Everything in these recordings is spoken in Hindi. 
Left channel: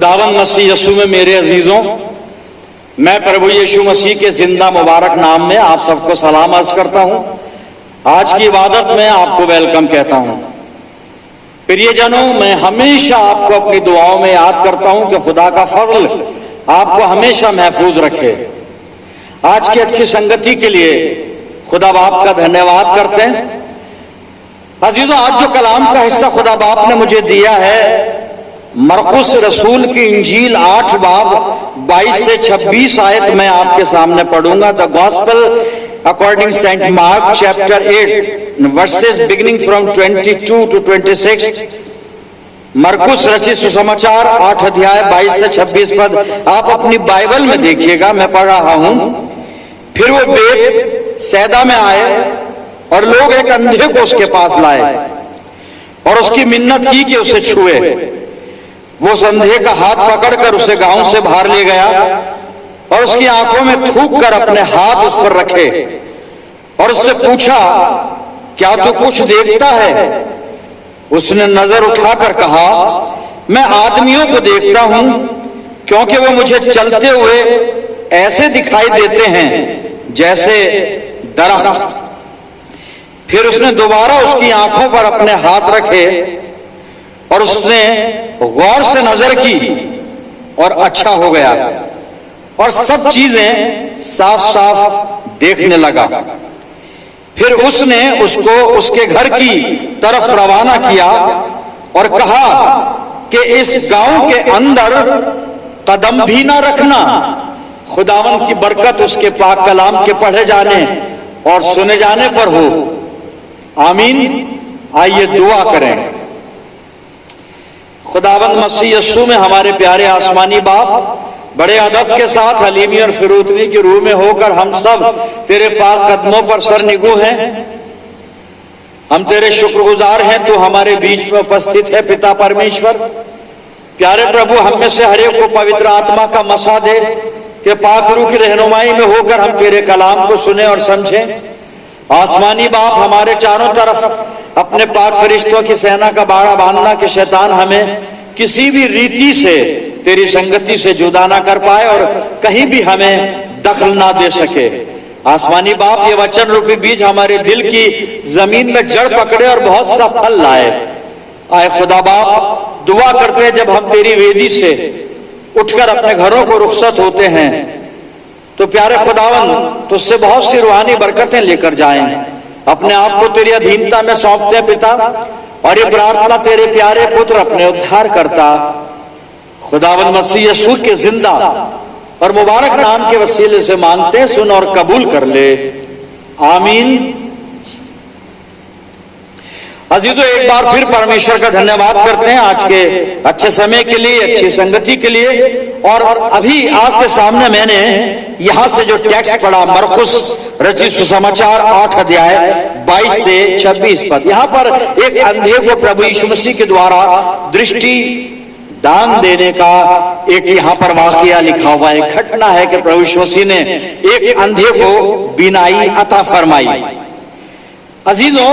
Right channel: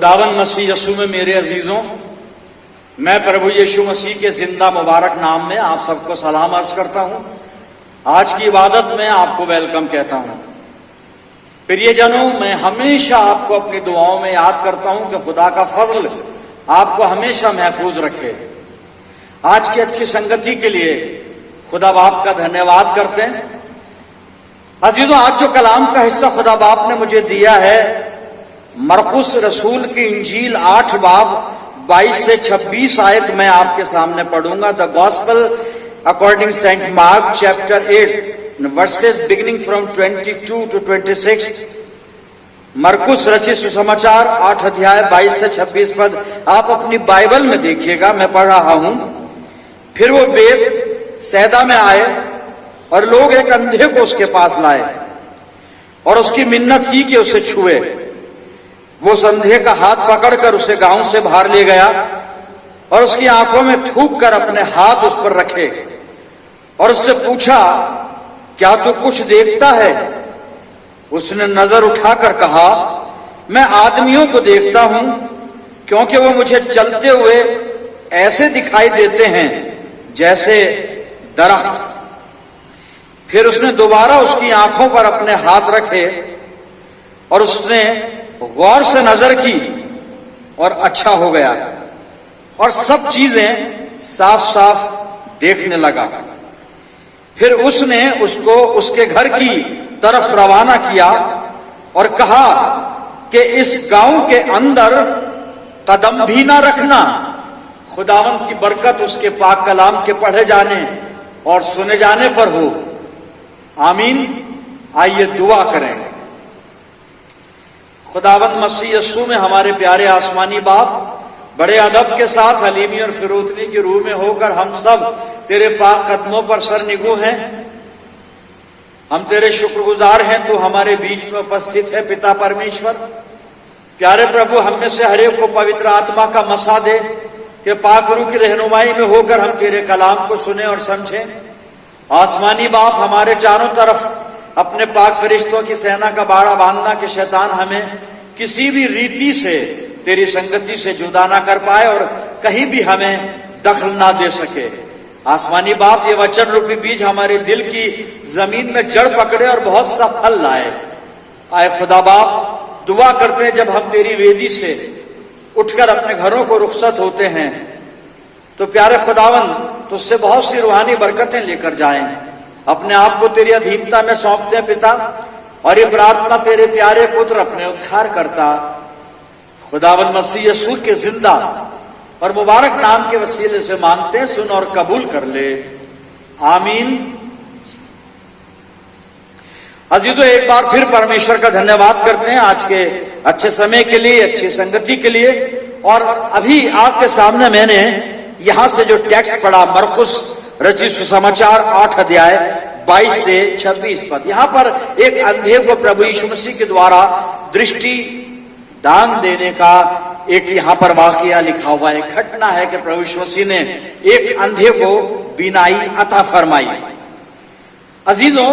खुदावंद मसीह यीशु में मेरे अजीजों, मैं प्रभु यीशु मसीह के जिंदा मुबारक नाम में आप सबको सलाम अर्ज करता हूं। आज की इबादत में आपको वेलकम कहता हूं। प्रियजनों, मैं हमेशा आपको अपनी दुआओं में याद करता हूं कि खुदा का फजल आपको हमेशा महफूज रखे। आज की अच्छी संगति के लिए खुदा बाप का धन्यवाद करते हैं। अजीजों, आज जो कलाम का हिस्सा खुदा बाप ने मुझे दिया है, मरकुस रसूल की इंजील 8 बाब 22 से 26 आयत मैं आपके सामने पढ़ूंगा। The gospel according Saint Mark chapter 8 verses beginning from 22 to 26। मरकुस रचित सुसमाचार 8 अध्याय 22 से 26 पद आप अपनी बाइबल में देखिएगा, मैं पढ़ रहा हूं। फिर वो बेत सैदा में आए और लोग एक अंधे को उसके पास लाए और उसकी मिन्नत की कि उसे छुए। वो उस अंधे का हाथ पकड़कर उसे गांव से बाहर ले गया और उसकी आंखों में थूक कर अपने हाथ उस पर रखे और उससे पूछा, क्या तू कुछ देखता है? उसने नजर उठाकर कहा, मैं आदमियों को देखता हूं, क्योंकि वो मुझे चलते हुए ऐसे दिखाई देते हैं जैसे दरख्त। फिर उसने दोबारा उसकी आंखों पर अपने हाथ रखे और उसने गौर से नजर की और अच्छा हो गया और सब चीजें साफ साफ देखने लगा। फिर उसने उसको उसके घर की तरफ रवाना किया और कहा कि इस गांव के अंदर कदम भी ना रखना। खुदावंद की बरकत उसके पाक कलाम के पढ़े जाने और सुने जाने पर हो। आमीन। आइए दुआ करें। खुदावंद मसीह यीशु में हमारे प्यारे आसमानी बाप, बड़े अदब के साथ हलीमी और फिरूतनी की रूह में होकर हम सब तेरे पाक कदमों पर सर निगू हैं। हम तेरे शुक्रगुजार हैं, तू हमारे बीच में उपस्थित है। पिता परमेश्वर, प्यारे प्रभु, हम में से हर एक को पवित्र आत्मा का मसा दे कि पाक रूह की रहनुमाई में होकर हम तेरे कलाम को सुने और समझें। आसमानी बाप, हमारे चारों तरफ अपने पाक फरिश्तों की सेना का बाड़ा बांधना कि शैतान हमें किसी भी रीति से तेरी संगति से जुदा ना कर पाए और कहीं भी हमें दखल ना दे सके। आसमानी बाप, ये वचन रूपी बीज हमारे दिल की जमीन में जड़ पकड़े और बहुत सा फल लाए। आए खुदा बाप, दुआ करते हैं जब हम तेरी वेदी से उठकर अपने घरों को रुखसत होते हैं तो प्यारे खुदावन तुझसे बहुत सी रूहानी बरकतें लेकर जाएं। अपने आप को तेरी अधीनता में सौंपते हैं पिता, और ये प्रार्थना तेरे प्यारे पुत्र अपने उद्धार करता खुदावंद मसीह यीशु के जिंदा और मुबारक नाम के वसीले से मांगते हैं, सुन और कबूल कर ले। आमीन। अजीजों, एक बार फिर परमेश्वर का धन्यवाद करते हैं आज के अच्छे समय के लिए, अच्छी संगति के लिए। और अभी आपके सामने मैंने यहां से जो टेक्स्ट पढ़ा, मरकुस रचित सुसमाचार 8 अध्याय 22 से 26 पद, यहां पर एक अंधे को प्रभु यीशु मसीह के द्वारा दृष्टि दान देने का एक यहां पर वाकया लिखा हुआ है। घटना है कि प्रभु यीशु मसीह ने एक अंधे को बीनाई अता फरमाई। अजीजों,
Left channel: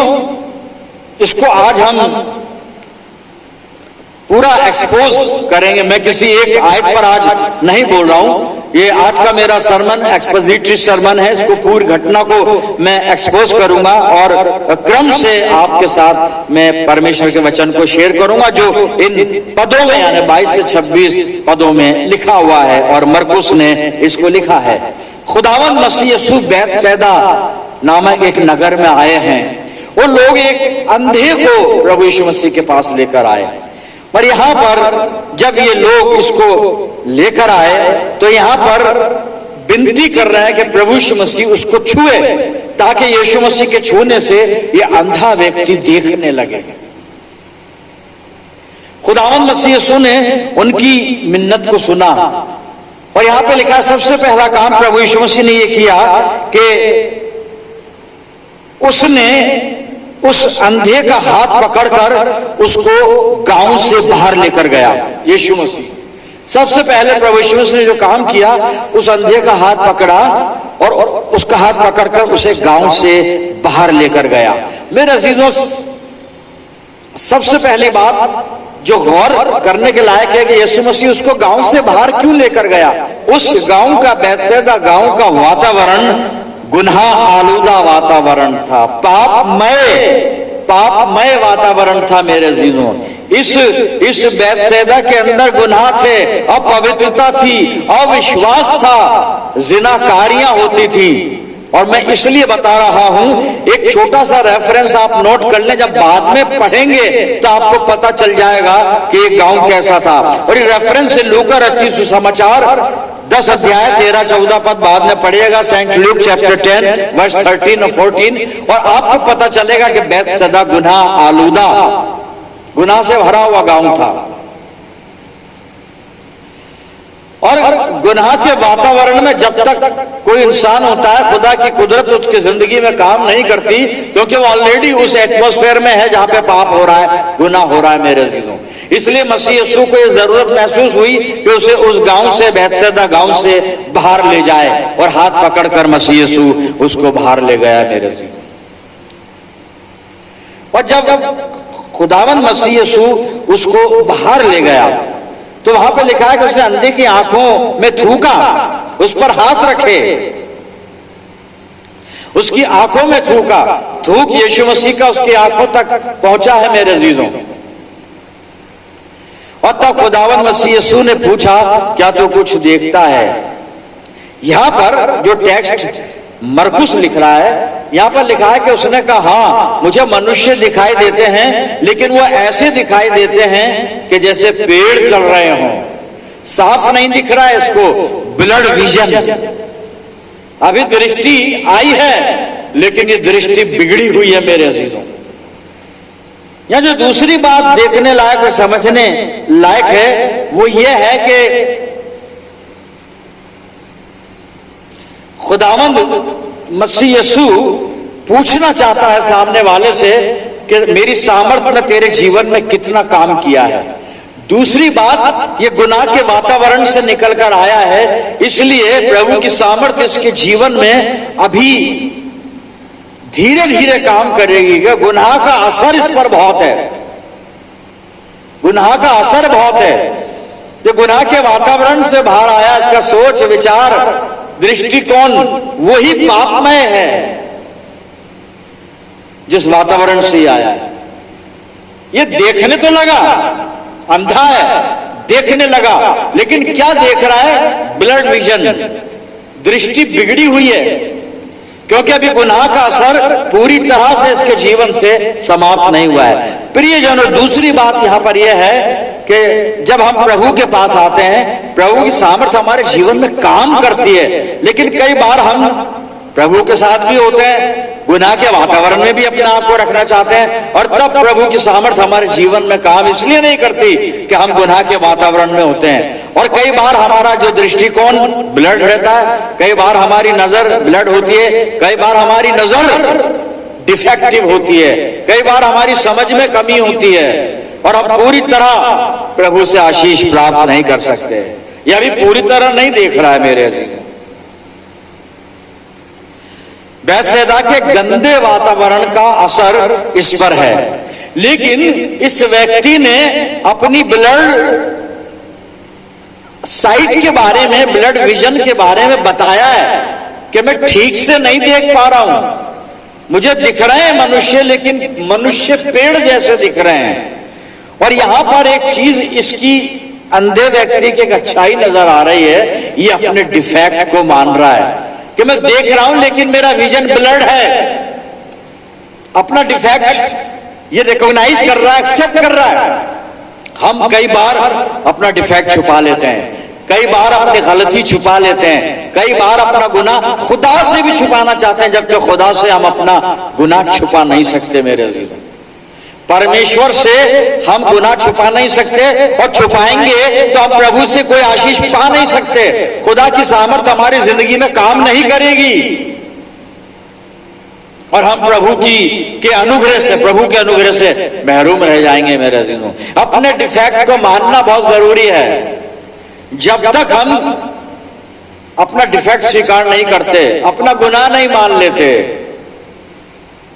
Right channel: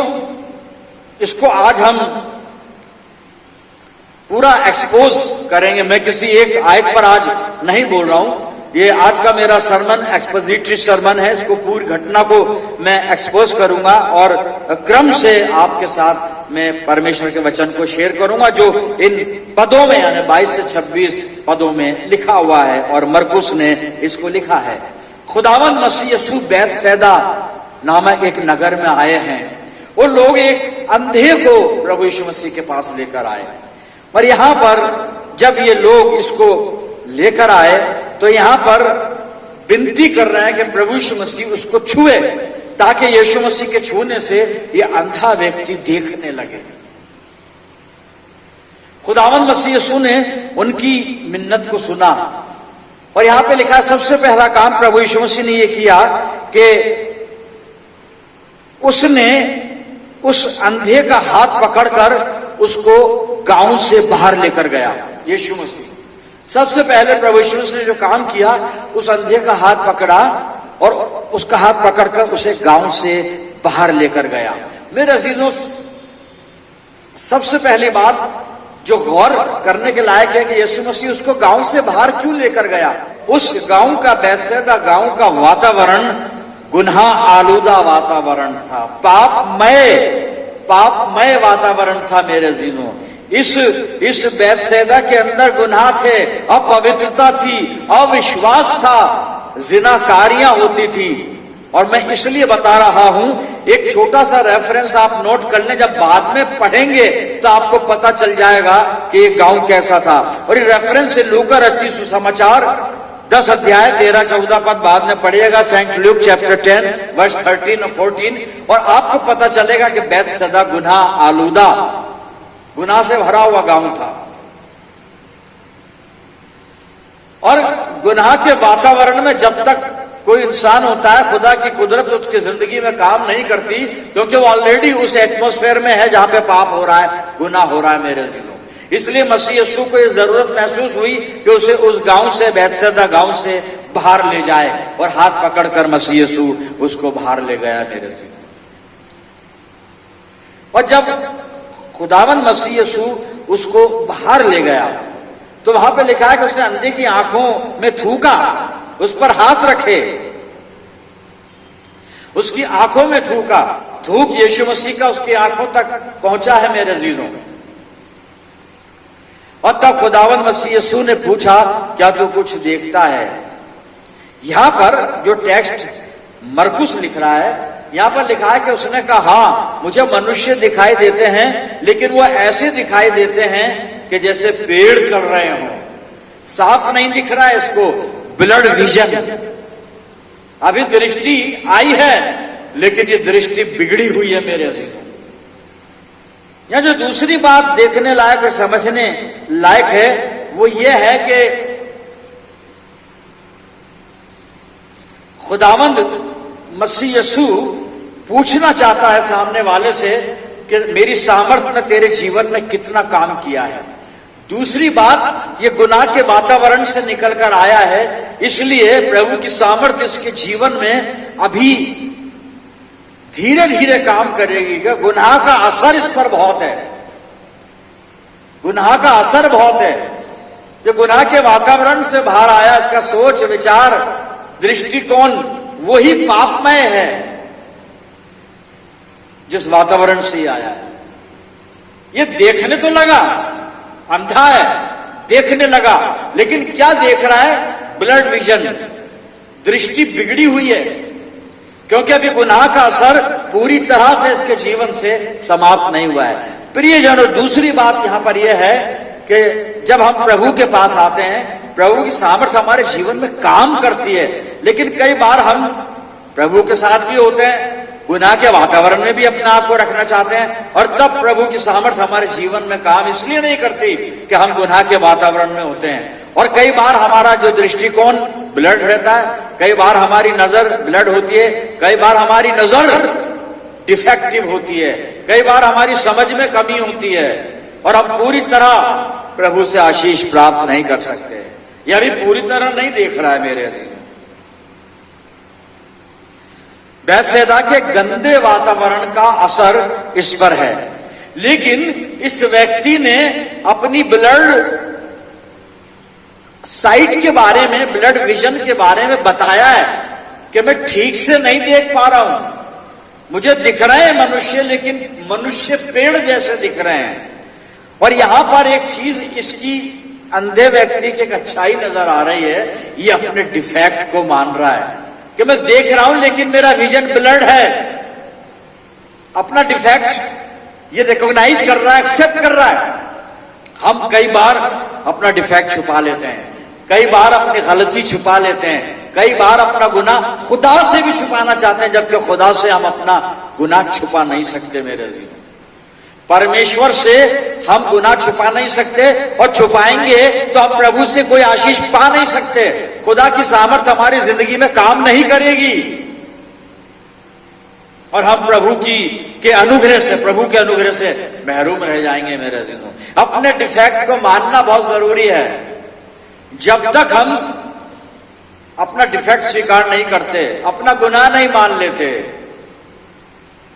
इसको आज हम पूरा एक्सपोज करेंगे। मैं किसी एक आयत पर आज नहीं बोल रहा हूं। ये आज का मेरा सरमन एक्सपोजिटरी सरमन है। इसको पूरी घटना को मैं एक्सपोज करूंगा और क्रम से आपके साथ मैं परमेश्वर के वचन को शेयर करूंगा जो इन पदों में यानी 22 से 26 पदों में लिखा हुआ है और मरकुस ने इसको लिखा है। खुदावंद मसीह यीशु बैतसैदा नामक एक नगर में आए हैं। वो लोग एक अंधे को प्रभु यीशु मसीह के पास लेकर आए और यहां पर जब ये लोग इसको लेकर आए तो यहां पर विनती कर रहे हैं कि प्रभु यीशु मसीह उसको छुए ताकि यीशु मसीह के छूने से ये अंधा व्यक्ति देखने लगे। खुदावंद मसीह यीशु ने उनकी मिन्नत को सुना और यहां पे लिखा, सबसे पहला काम प्रभु यीशु मसीह ने ये किया कि उसने उस अंधे का हाथ पकड़कर उसको गांव से बाहर लेकर गया। यीशु मसीह सबसे पहले प्रभु यीशु मसीह ने जो काम किया, उस अंधे का हाथ पकड़ा और उसका हाथ पकड़कर उसे गांव से बाहर लेकर गया। मेरे अजीजों, सबसे पहली बात जो गौर करने के लायक है कि यीशु मसीह उसको गांव से बाहर क्यों लेकर गया। उस गांव का, बैतसैदा गांव का वातावरण गुनाह आलूदा वातावरण था, पापमय वातावरण था मेरे अजीजों। इस बैतसैदा के अंदर गुनाह थे, अपवित्रता थी, अविश्वास था, जिनाकारियां होती थी। और मैं इसलिए बता रहा हूं, एक छोटा सा रेफरेंस आप नोट कर लें, जब बाद में पढ़ेंगे तो आपको पता चल जाएगा कि ये गांव कैसा था। और ये रेफरेंस है लूका रचित सुसमाचार 10 अध्याय 13-14 पद, बाद में पढ़िएगा, सेंट लूक चैप्टर 10 वर्स 13 और 14, और आपको पता चलेगा कि बैतसैदा गुनाह आलूदा, गुनाह से भरा हुआ गांव था। और गुनाह के वातावरण में जब तक कोई इंसान होता है, खुदा की कुदरत उसकी जिंदगी में काम नहीं करती, क्योंकि वो ऑलरेडी उस एटमॉस्फेयर में है जहां पे पाप हो रहा है, गुनाह हो रहा है मेरे अजीजों। इसलिए मसीह यीशु को ये जरूरत महसूस हुई कि उसे उस गांव से, बैतसैदा गांव से बाहर ले जाए, और हाथ पकड़कर मसीह यीशु उसको बाहर ले गया मेरे अजीजों। और जब खुदावन मसीह यीशु उसको बाहर ले गया तो वहां पे लिखा है कि उसने अंधे की आंखों में थूका, उस पर हाथ रखे, उसकी आंखों में थूका। थूक यीशु मसीह का उसकी आंखों तक पहुंचा है मेरे अजीजों। और तब खुदावन मसीह यीशु ने पूछा, क्या तू कुछ देखता है? यहां पर जो टेक्स्ट मरकुस लिख रहा है, यहां पर लिखा है कि उसने कहा, हाँ मुझे मनुष्य दिखाई देते हैं, लेकिन वो ऐसे दिखाई देते हैं कि जैसे पेड़ चल रहे हों, साफ नहीं दिख रहा है इसको, ब्लड विजन। अभी दृष्टि आई है, लेकिन ये दृष्टि बिगड़ी हुई है मेरे अजीजों। यहां जो दूसरी बात देखने लायक और समझने लायक है, वो ये है कि खुदावंद मसीह यीशु पूछना चाहता है सामने वाले से कि मेरी सामर्थ ने तेरे जीवन में कितना काम किया है। दूसरी बात, ये गुनाह के वातावरण से निकलकर आया है, इसलिए प्रभु की सामर्थ इसके जीवन में अभी धीरे धीरे काम करेगी। कि गुनाह का असर इस पर बहुत है, गुनाह का असर बहुत है। जो गुनाह के वातावरण से बाहर आया, इसका सोच विचार दृष्टिकोण वही पापमय है जिस वातावरण से आया है। ये देखने तो लगा, अंधा है, देखने लगा, लेकिन क्या देख रहा है? ब्लड विजन, दृष्टि बिगड़ी हुई है, क्योंकि अभी गुनाह का असर पूरी तरह से इसके जीवन से समाप्त नहीं हुआ है। प्रियजनों, दूसरी बात यहां पर यह है कि जब हम प्रभु के पास आते हैं, प्रभु की सामर्थ्य हमारे जीवन में काम करती है, लेकिन कई बार हम प्रभु के साथ भी होते हैं, गुनाह के वातावरण में भी अपने आप को रखना चाहते हैं, और तब प्रभु की सामर्थ्य हमारे जीवन में काम इसलिए नहीं करती कि हम गुनाह के वातावरण में होते हैं। और कई बार हमारा जो दृष्टिकोण ब्लड रहता है, कई बार हमारी नजर ब्लड होती है, कई बार हमारी नजर डिफेक्टिव होती है, कई बार हमारी समझ में कमी होती है, और हम पूरी तरह प्रभु से आशीष प्राप्त नहीं कर सकते। यह भी पूरी तरह नहीं देख रहा है मेरे अजीज। बैतसैदा के गंदे वातावरण का असर इस पर है, लेकिन इस व्यक्ति ने अपनी ब्लड साइट के बारे में, ब्लड विजन के बारे में बताया है कि मैं ठीक से नहीं देख पा रहा हूं, मुझे दिख रहे हैं मनुष्य, लेकिन मनुष्य पेड़ जैसे दिख रहे हैं। और यहां पर एक चीज इसकी अंधे व्यक्ति की एक अच्छाई नजर आ रही है, ये अपने डिफेक्ट को मान रहा है कि मैं देख रहा हूं लेकिन मेरा विजन ब्लर्ड है। अपना डिफेक्ट ये रिकॉग्नाइज कर रहा है, एक्सेप्ट कर रहा है। हम कई बार अपना डिफेक्ट छुपा लेते हैं, कई बार अपनी गलती छुपा लेते हैं, कई बार अपना गुनाह खुदा से भी छुपाना चाहते हैं, जबकि खुदा से हम अपना गुनाह छुपा नहीं सकते मेरे अजीज। परमेश्वर से हम गुनाह छुपा नहीं सकते, और छुपाएंगे तो हम प्रभु से कोई आशीष पा नहीं सकते। खुदा की सामर्थ हमारी जिंदगी में काम नहीं करेगी, और हम प्रभु के अनुग्रह से, प्रभु के अनुग्रह से महरूम रह जाएंगे मेरे अजीजों। अपने डिफेक्ट को मानना बहुत जरूरी है। जब तक हम अपना डिफेक्ट स्वीकार नहीं करते, अपना गुनाह नहीं मान लेते,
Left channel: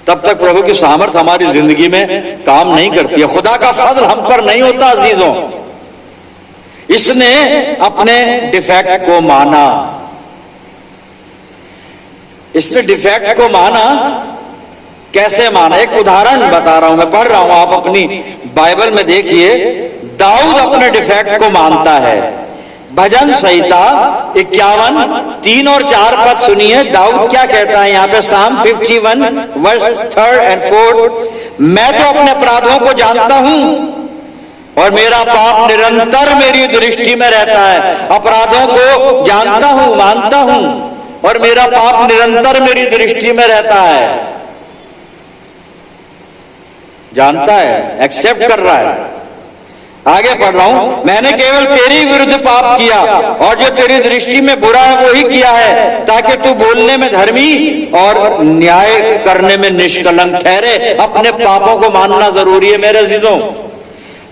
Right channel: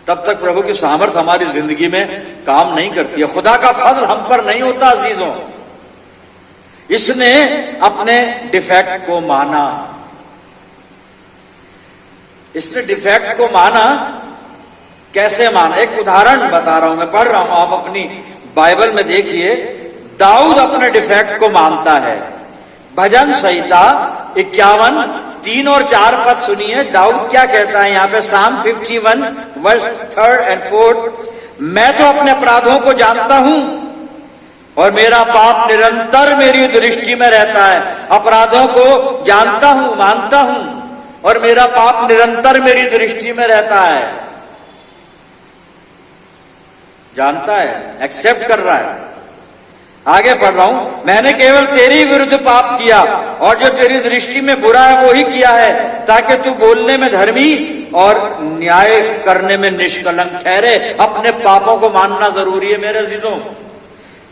तब तक प्रभु की सामर्थ हमारी जिंदगी में काम नहीं करती है। खुदा का फजल हम पर नहीं होता अजीजों। इसने अपने डिफेक्ट को माना, इसने डिफेक्ट को माना। कैसे माना? एक उदाहरण बता रहा हूं, मैं पढ़ रहा हूं, आप अपनी बाइबल में देखिए। दाऊद अपने डिफेक्ट को मानता है। भजन संहिता 51 3 और 4 पद सुनिए। दाऊद क्या कहता है यहाँ पे? Psalm 51 वर्स 3 और 4। मैं तो अपने अपराधों को जानता हूं और मेरा पाप निरंतर मेरी दृष्टि में रहता है। अपराधों को जानता हूं, मानता हूं, और मेरा पाप निरंतर मेरी दृष्टि में रहता है। जानता है, एक्सेप्ट कर रहा है। आगे पढ़ रहा हूं। मैंने केवल तेरी विरुद्ध पाप किया और जो तेरी दृष्टि में बुरा है वो ही किया है, ताकि तू बोलने में धर्मी और न्याय करने में निष्कलंक ठहरे। अपने पापों को मानना जरूरी है मेरे अजीजों।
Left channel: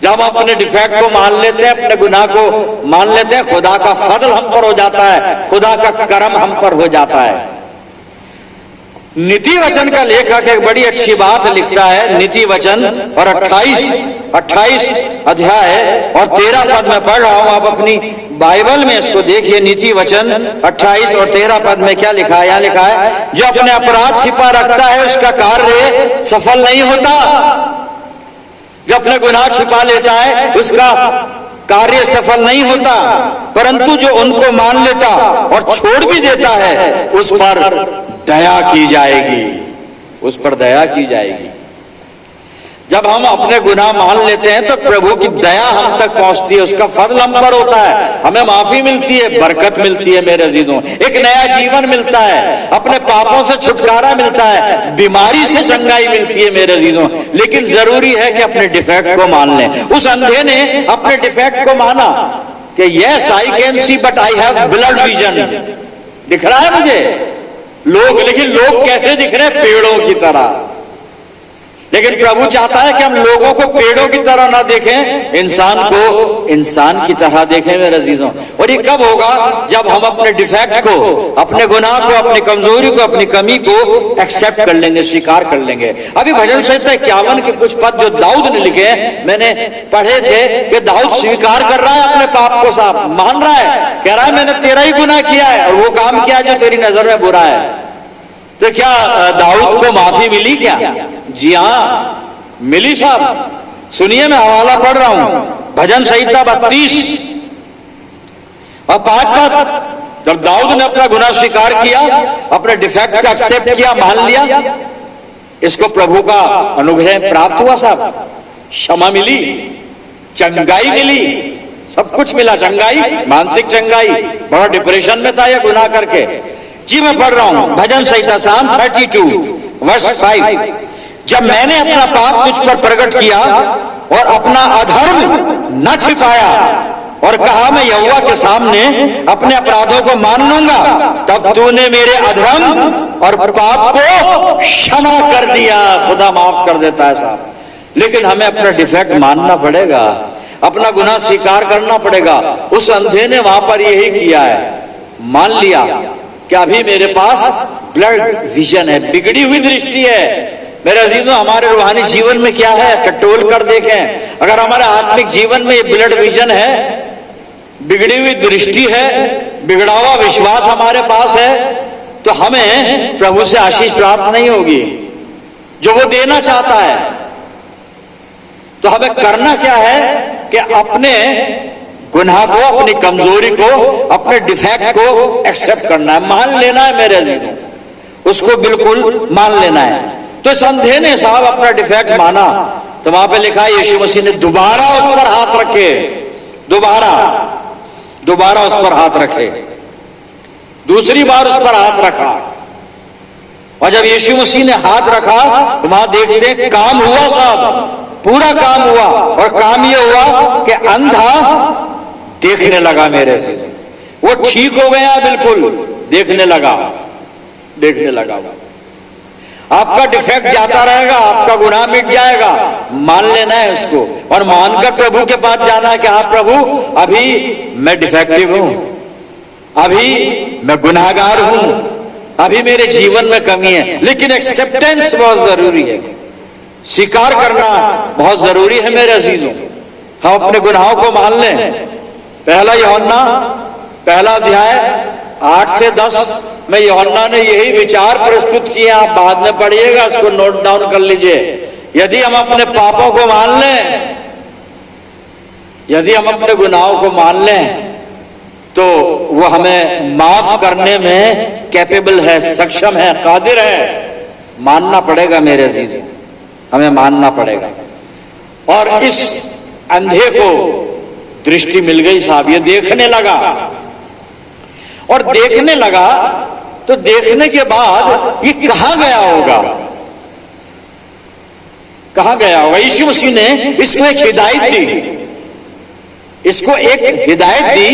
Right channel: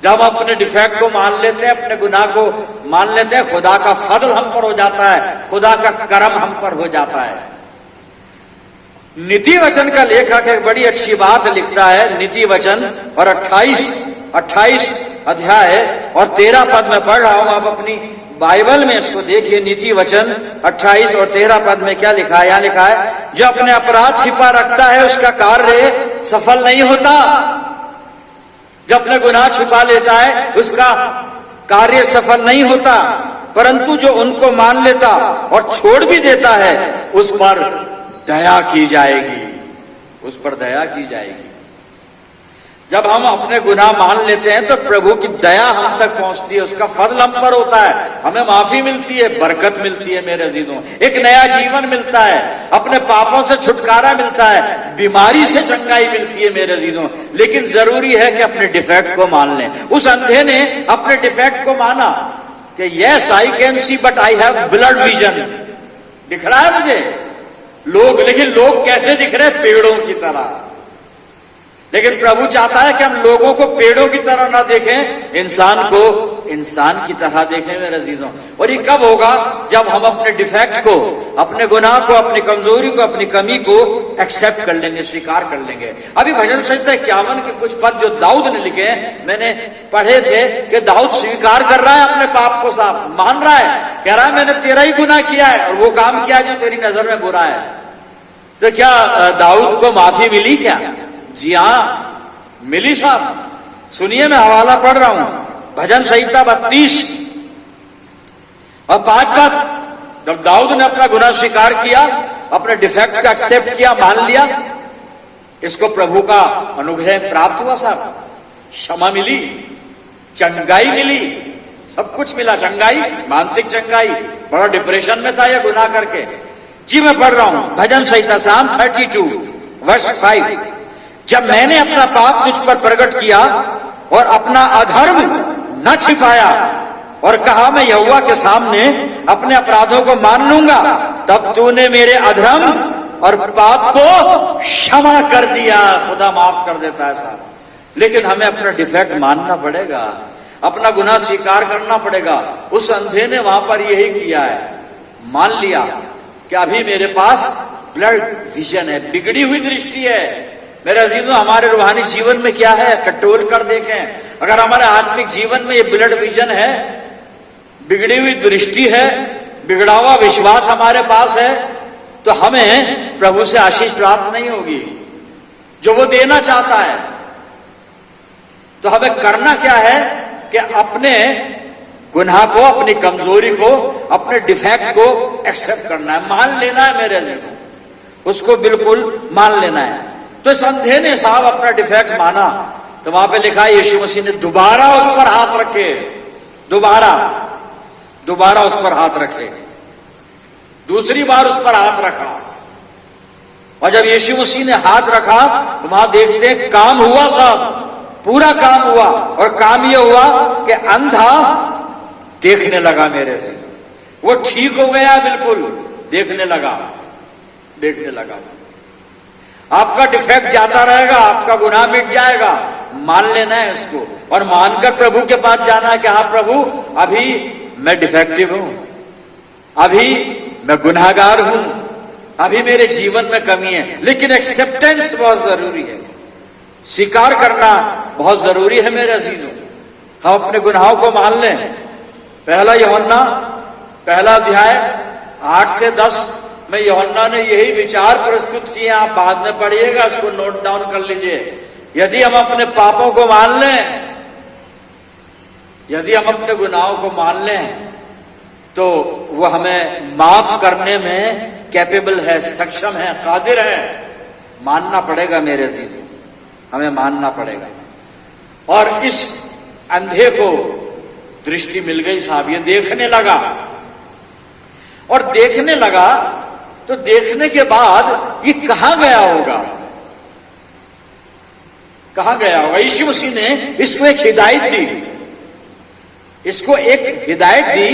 जब हम अपने डिफेक्ट को मान लेते हैं, अपने गुनाह को मान लेते हैं, खुदा का फजल हम पर हो जाता है, खुदा का करम हम पर हो जाता है। नीति वचन का लेखक एक बड़ी अच्छी बात लिखता है। नीति वचन और 28 अध्याय और 13 पद में पढ़ रहा हूं, आप अपनी बाइबल में इसको देखिए। नीति वचन 28 और 13 पद में क्या लिखा है? यहां लिखा है, जो अपने अपराध छिपा रखता है उसका कार्य सफल नहीं होता। जो अपने गुनाह छिपा लेता है उसका कार्य सफल नहीं होता, परंतु जो उनको मान लेता और छोड़ भी देता है उस पर दया की जाएगी, उस पर दया की जाएगी। जब हम अपने गुनाह मान लेते हैं तो प्रभु की दया हम तक पहुंचती है, उसका फजल हम पर होता है, हमें माफी मिलती है, बरकत मिलती है मेरे अजीजों। एक नया जीवन मिलता है, अपने पापों से छुटकारा मिलता है, बीमारी से चंगाई मिलती है मेरे अजीजों। लेकिन जरूरी है कि अपने डिफेक्ट को मान लें। उस अंधे ने अपने डिफेक्ट को माना कि yes I can see but I have blood vision. दिख रहा है मुझे लोग, लेकिन लोग कैसे दिख रहे हैं? पेड़ों की तरह। लेकिन प्रभु चाहता है कि हम लोगों को पेड़ों की तरह ना देखें, इंसान को इंसान की तरह देखें मेरे अजीजों। और ये कब होगा? जब हम अपने डिफेक्ट को, अपने गुनाह को, अपनी कमजोरी को, अपनी कमी को एक्सेप्ट कर लेंगे, स्वीकार कर लेंगे। अभी भजन संहिता 51 के कुछ पद जो दाऊद ने लिखे हैं, मैंने पढ़े थे कि दाऊद स्वीकार कर रहा है अपने पाप को, साफ मान रहा है, कह रहा है मैंने तेरा ही गुनाह किया है और वो काम किया जो तेरी नजर में बुरा है। तो क्या दाऊद को माफी मिली क्या? जी हां, मिली साहब। सुनिए, मैं हवाला पढ़ रहा हूं। भजन संहिता 32 और 5 पद। जब दाऊद ने अपना गुनाह स्वीकार किया, अपने डिफेक्ट का एक्सेप्ट किया, मान लिया, इसको प्रभु का अनुग्रह प्राप्त हुआ साहब। क्षमा मिली, चंगाई मिली, सब कुछ मिला। चंगाई, मानसिक चंगाई। बड़ा डिप्रेशन में था यह गुनाह करके। जी मैं पढ़ रहा हूं भजन संहिता Psalm 32 वर्स 5। जब मैंने अपना पाप तुझ पर प्रकट किया और अपना अधर्म न छिपाया और कहा मैं यहोवा के सामने अपने अपराधों को मान लूंगा, तब तूने मेरे अधर्म और पाप को क्षमा कर दिया। खुदा माफ कर देता है साहब। लेकिन हमें अपना डिफेक्ट मानना पड़ेगा, अपना गुनाह स्वीकार करना पड़ेगा। उस अंधे ने वहां पर यही किया है, मान लिया कि अभी मेरे पास ब्लड विजन है, बिगड़ी हुई दृष्टि है। मेरे अजीजों, हमारे रूहानी जीवन में क्या है? टटोल कर देखें। अगर हमारे आत्मिक जीवन में ये ब्लड विजन है, बिगड़ी हुई दृष्टि है, बिगड़ा हुआ विश्वास हमारे पास है, तो हमें प्रभु से आशीष प्राप्त नहीं होगी जो वो देना चाहता है। तो हमें करना क्या है कि अपने गुनाह को, अपनी कमजोरी को, अपने डिफेक्ट को एक्सेप्ट करना है, मान लेना है मेरे अजीजों, उसको बिल्कुल मान लेना है। तो इस अंधे ने साहब अपना डिफेक्ट माना, तो वहां पे लिखा है यीशु मसीह ने दोबारा उस पर हाथ रखे, दोबारा उस पर हाथ रखे, दूसरी बार उस पर हाथ रखा। और जब यीशु मसीह ने हाथ रखा तो वहां देखते हैं काम हुआ साहब, पूरा काम हुआ। और काम यह हुआ कि अंधा देखने लगा मेरे से, वो ठीक हो गया, बिल्कुल देखने लगा। आपका डिफेक्ट जाता रहेगा, आपका गुनाह मिट जाएगा, मान लेना है उसको और मानकर प्रभु के पास जाना है कि हाँ प्रभु, अभी मैं डिफेक्टिव हूं, अभी मैं गुनाहगार हूं, अभी मेरे जीवन में कमी है, लेकिन एक्सेप्टेंस बहुत जरूरी है, स्वीकार करना बहुत जरूरी है मेरे अजीजों। हम अपने गुनाहों को मान लें। पहला यूहन्ना पहला अध्याय 8 से 10 में यूहन्ना ने यही विचार प्रस्तुत किए, आप बाद में पढ़िएगा, इसको नोट डाउन कर लीजिए। यदि हम अपने पापों को मान लें, यदि हम अपने गुनाहों को मान लें, तो वो हमें माफ करने में कैपेबल है, सक्षम है, कादिर है। मानना पड़ेगा मेरे अजीज, हमें मानना पड़ेगा। और इस अंधे को दृष्टि मिल गई साहब, ये देखने लगा, और देखने लगा तो देखने के बाद ये कहां गया होगा, कहां गया होगा? यीशु मसीह ने इसको एक हिदायत दी, इसको एक हिदायत दी,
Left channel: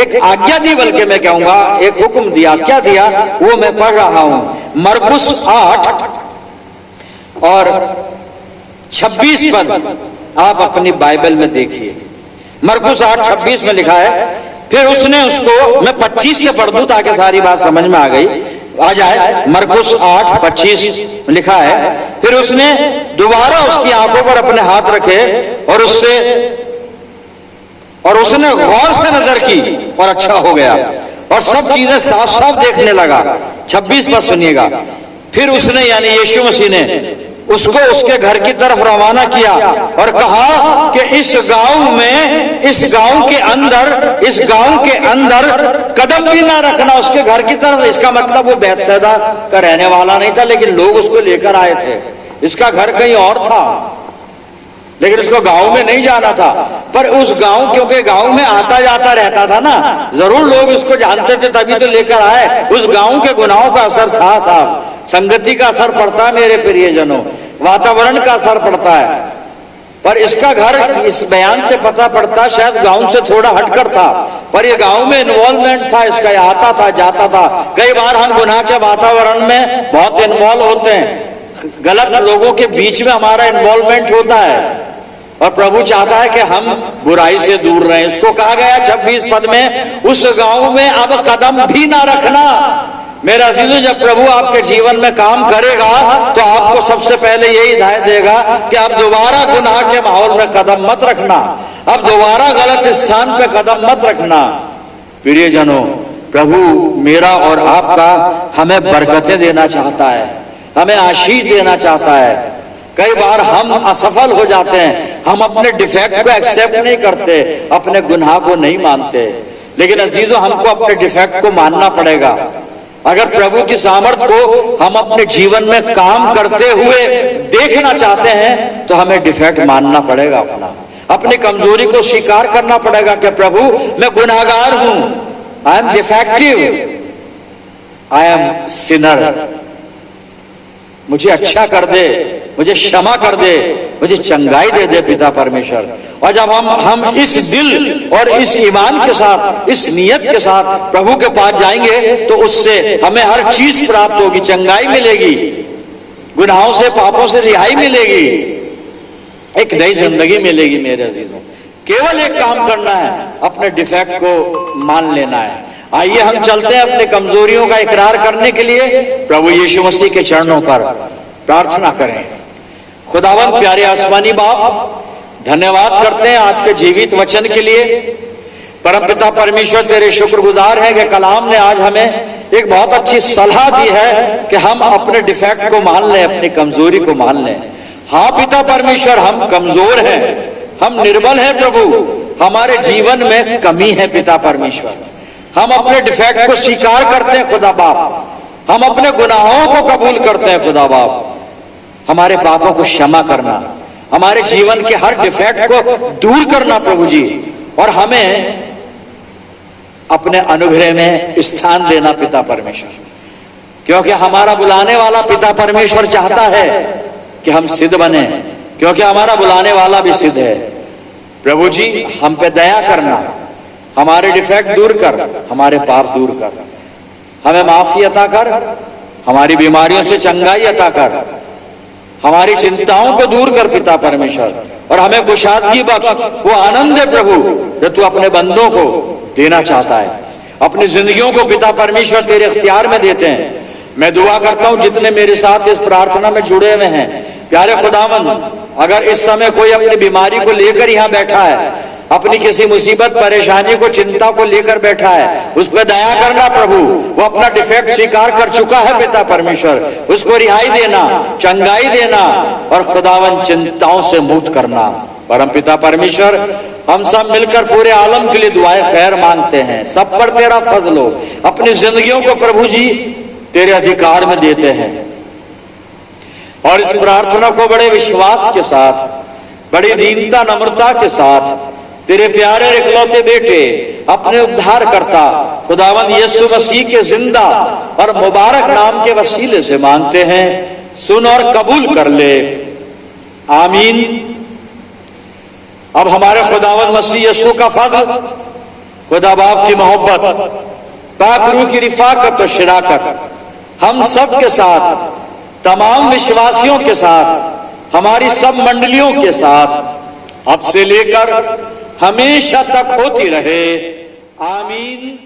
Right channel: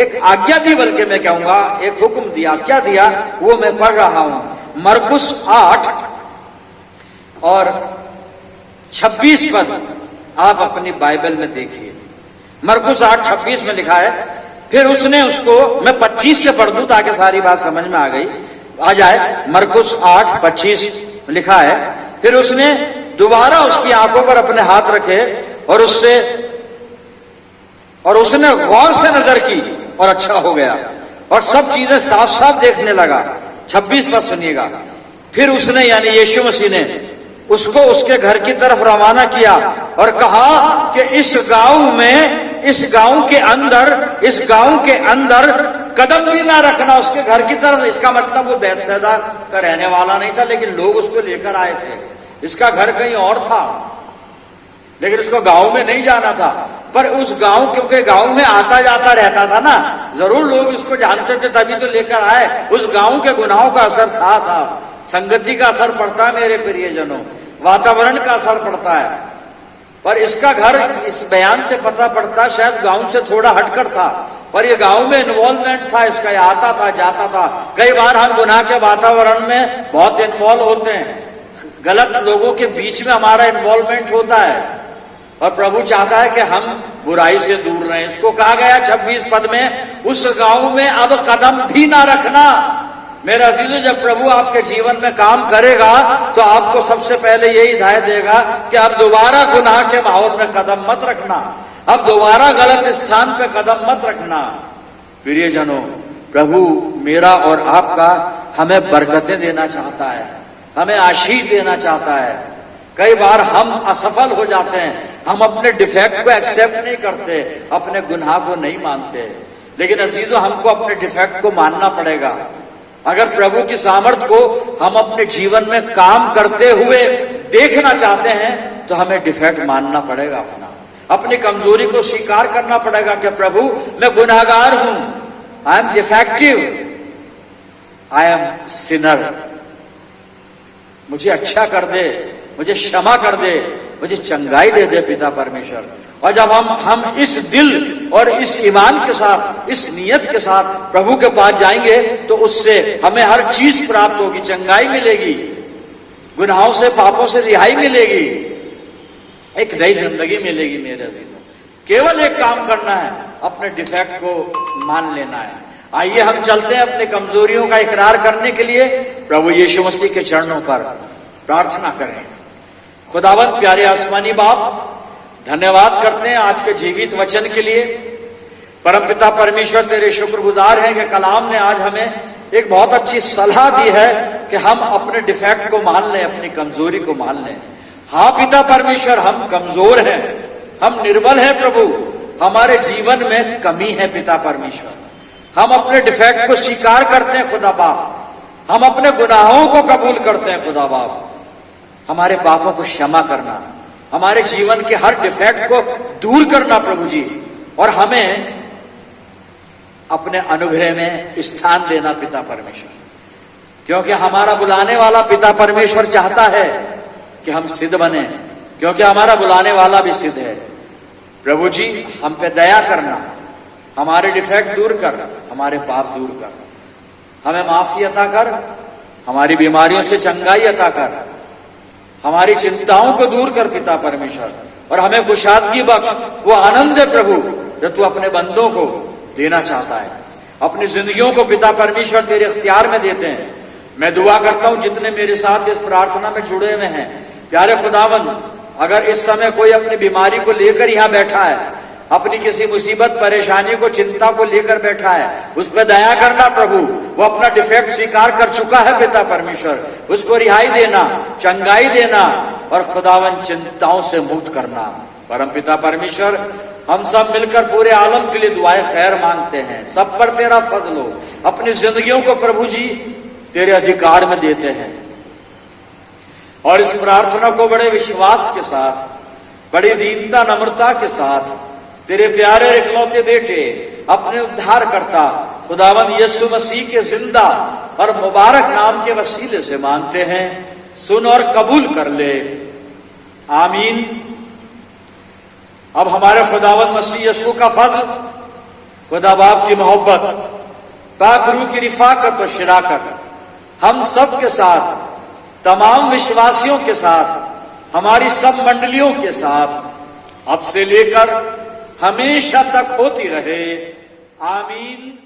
एक आज्ञा दी, बल्कि मैं कहूंगा एक हुक्म दिया। क्या दिया वो मैं पढ़ रहा हूं। मरकुस 8 और 26 पद आप अपनी बाइबल में देखिए। मरकुस 8:26 में लिखा है, फिर उसने उसको, मैं 25 से पढ़ दूं ताकि सारी बात समझ में आ जाए। मरकुस 8:25 लिखा है, फिर उसने दोबारा उसकी आंखों पर अपने हाथ रखे और उसने गौर से नजर की और अच्छा हो गया और सब चीजें साफ साफ देखने लगा। 26 पद सुनिएगा। फिर उसने यानी यीशु मसीह ने उसको उसके घर की तरफ रवाना किया और कहा कि इस गांव के अंदर कदम भी ना रखना उसके घर की तरफ। इसका मतलब वो बैतसैदा का रहने वाला नहीं था, लेकिन लोग उसको लेकर आए थे। इसका घर कहीं और था, लेकिन उसको गांव में नहीं जाना था। पर उस गांव, क्योंकि गांव में आता जाता रहता था ना, जरूर लोग उसको जानते थे, तभी तो लेकर आए। उस गांव के गुनाहों का असर था साहब, संगति का असर पड़ता है मेरे प्रियजनों, वातावरण का असर पड़ता है। पर इसका घर, इस बयान से पता पड़ता शायद गांव से थोड़ा हटकर था, पर ये गांव में इन्वॉल्वमेंट था इसका, आता था जाता था। कई बार हम गुनाह के वातावरण में बहुत इन्वॉल्व होते हैं, गलत लोगों के बीच में हमारा इन्वॉल्वमेंट होता है, और प्रभु चाहता है कि हम बुराई से दूर रहें। इसको कहा गया 26 पद में, उस गांव में अब कदम भी ना रखना। मेरा अजीजों, जब प्रभु आपके जीवन में काम करेगा तो आपको सबसे पहले यही हिदायत देगा कि अब दोबारा गुनाह के माहौल में कदम मत रखना, अब दोबारा गलत स्थान पे कदम मत रखना। प्रियजनों, प्रभु मेरा और आपका हमें बरकतें देना चाहता है, हमें आशीष देना चाहता है। कई बार हम असफल हो जाते हैं, हम अपने डिफेक्ट को एक्सेप्ट नहीं करते, अपने गुनाह को नहीं मानते। लेकिन अजीजों, हमको अपने डिफेक्ट को मानना पड़ेगा। अगर प्रभु की सामर्थ को हम अपने जीवन में काम करते हुए देखना चाहते हैं तो हमें डिफेक्ट मानना पड़ेगा, अपनी कमजोरी को स्वीकार करना पड़ेगा कि प्रभु मैं गुनाहगार हूं, I am defective, I am Sinner, मुझे अच्छा कर दे, मुझे क्षमा कर दे, मुझे चंगाई दे दे पिता परमेश्वर। और जब हम इस दिल और इस ईमान के साथ, इस नियत के साथ प्रभु के पास जाएंगे तो उससे हमें हर चीज प्राप्त होगी, चंगाई मिलेगी, गुनाहों से, पापों से रिहाई मिलेगी, एक नई जिंदगी मिलेगी। मेरे अजीजों, केवल एक काम करना है, अपने डिफेक्ट को मान लेना है। आइए हम चलते हैं अपनी कमजोरियों का इकरार करने के लिए प्रभु यीशु मसीह के चरणों पर प्रार्थना करें। खुदावंद प्यारे आसमानी बाप, धन्यवाद करते हैं आज के जीवित वचन के लिए। परमपिता परमेश्वर, तेरे शुक्रगुजार हैं कि कलाम ने आज हमें एक बहुत अच्छी सलाह दी है कि हम अपने डिफेक्ट को मान लें, अपनी कमजोरी को मान लें। हाँ पिता परमेश्वर, हम कमजोर हैं, हम निर्बल हैं प्रभु, हमारे जीवन में कमी है पिता परमेश्वर। हम अपने डिफेक्ट को स्वीकार करते हैं खुदा बाप, हम अपने गुनाहों को कबूल करते हैं खुदा बाप। हमारे पापों को क्षमा करना, हमारे जीवन के हर डिफेक्ट को दूर करना प्रभु जी, और हमें अपने अनुग्रह में स्थान देना पिता परमेश्वर, क्योंकि हमारा बुलाने वाला पिता परमेश्वर चाहता है कि हम सिद्ध बने, क्योंकि हमारा बुलाने वाला भी सिद्ध है। प्रभु जी, हम पे दया करना, हमारे डिफेक्ट दूर कर, हमारे पाप दूर कर, हमें माफी अता कर, हमारी बीमारियों से चंगाई अता कर, हमारी चिंताओं को दूर कर पिता परमेश्वर, और हमें कुशादगी बख्श, वो आनंद है प्रभु जो तू अपने बंदों को देना चाहता है। अपनी जिंदगियों को पिता परमेश्वर तेरे इख्तियार में देते हैं, मैं दुआ करता हूं जितने मेरे साथ इस प्रार्थना में जुड़े हुए हैं, प्यारे खुदावंद, अगर इस समय कोई अपनी बीमारी को लेकर यहां बैठा है, अपनी किसी मुसीबत परेशानी को चिंता को लेकर बैठा है, उस पर दया करना प्रभु। वो अपना डिफेक्ट स्वीकार कर चुका है पिता परमेश्वर, उसको रिहाई देना, चंगाई देना और खुदावन चिंताओं से मुक्त करना। परम पिता परमेश्वर, हम सब मिलकर पूरे आलम के लिए दुआएं खैर मांगते हैं। सब पर तेरा फजल हो, अपनी जिंदगियों को प्रभु जी तेरे अधिकार में देते हैं और इस प्रार्थना को बड़े विश्वास के साथ, बड़ी दीनता नम्रता के साथ तेरे प्यारे इकलौते बेटे, अपने उद्धारकर्ता खुदावंद यीशु मसीह के जिंदा और मुबारक नाम के वसीले से मांगते हैं। सुन और कबूल कर ले, आमीन। अब हमारे खुदावंद मसीह यीशु का फज़ल, खुदा बाप की मोहब्बत, पाक रूह की रिफाकत और शराकत हम सब के साथ, तमाम विश्वासियों के साथ, हमारी सब मंडलियों के साथ अब से लेकर हमेशा तक होती रहे, आमीन।